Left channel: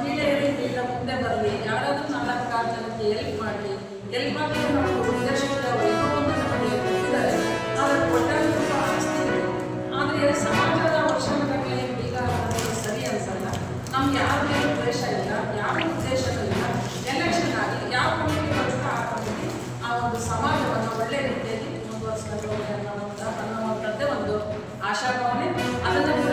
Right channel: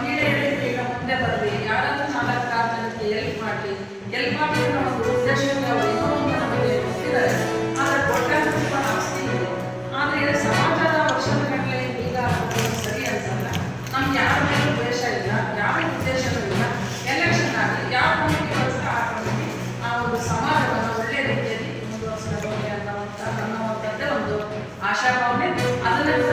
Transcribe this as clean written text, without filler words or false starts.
ಮಹಿಳೆಯರಿಗೆ ಈಗ ಮುಂದೆ ಬರಲಿ, ಯಾರಾದರೂ 4-6 ಜನಕ್ಕೆ ಹೆಲ್ಪ್ ಮಾಡಿ ನಮ್ಮ ಉದ್ದೇಶಕ್ಕೆ ಅವರು ಏನೋ ಒಂದು ನಮಗೆ ಕೊಟ್ಟಿದ್ದಾರೆ. ಆದರೆ ಕೊಟ್ಟಾಗ ಆಸ್ತಿ ಇದೆ. ಆದರೆ ಸಮಾಜದ ವರ್ಷಗಟ್ಟಲೆ ಈಗ ಸರಿ ಅನ್ಸಲ್ಲ. ನಮ್ಗೆ ಯಾರ ಮೇಲೂ ದ್ವೇಷ ಇಲ್ಲ, ಯಾವ ಉದ್ದೇಶನೂ ಇಲ್ಲ. ಎಲೆಕ್ಷನ್ ಆಗಲಿ, ಯಾವ ಕಮಿಟಿ ಬರುತ್ತೋ ಆ ಕಮಿಟಿ ಆ ಒಂದು ಸಮಾಜವನ್ನು ಒಳ್ಳೆಯ ರೀತಿಯಲ್ಲಿ ಮುಂದುವರಿಸಬೇಕು ಅನ್ನುವಂಥದ್ದೇ ಒಂದು ಆಶಾಭಾವನೆ. ಅದನ್ನು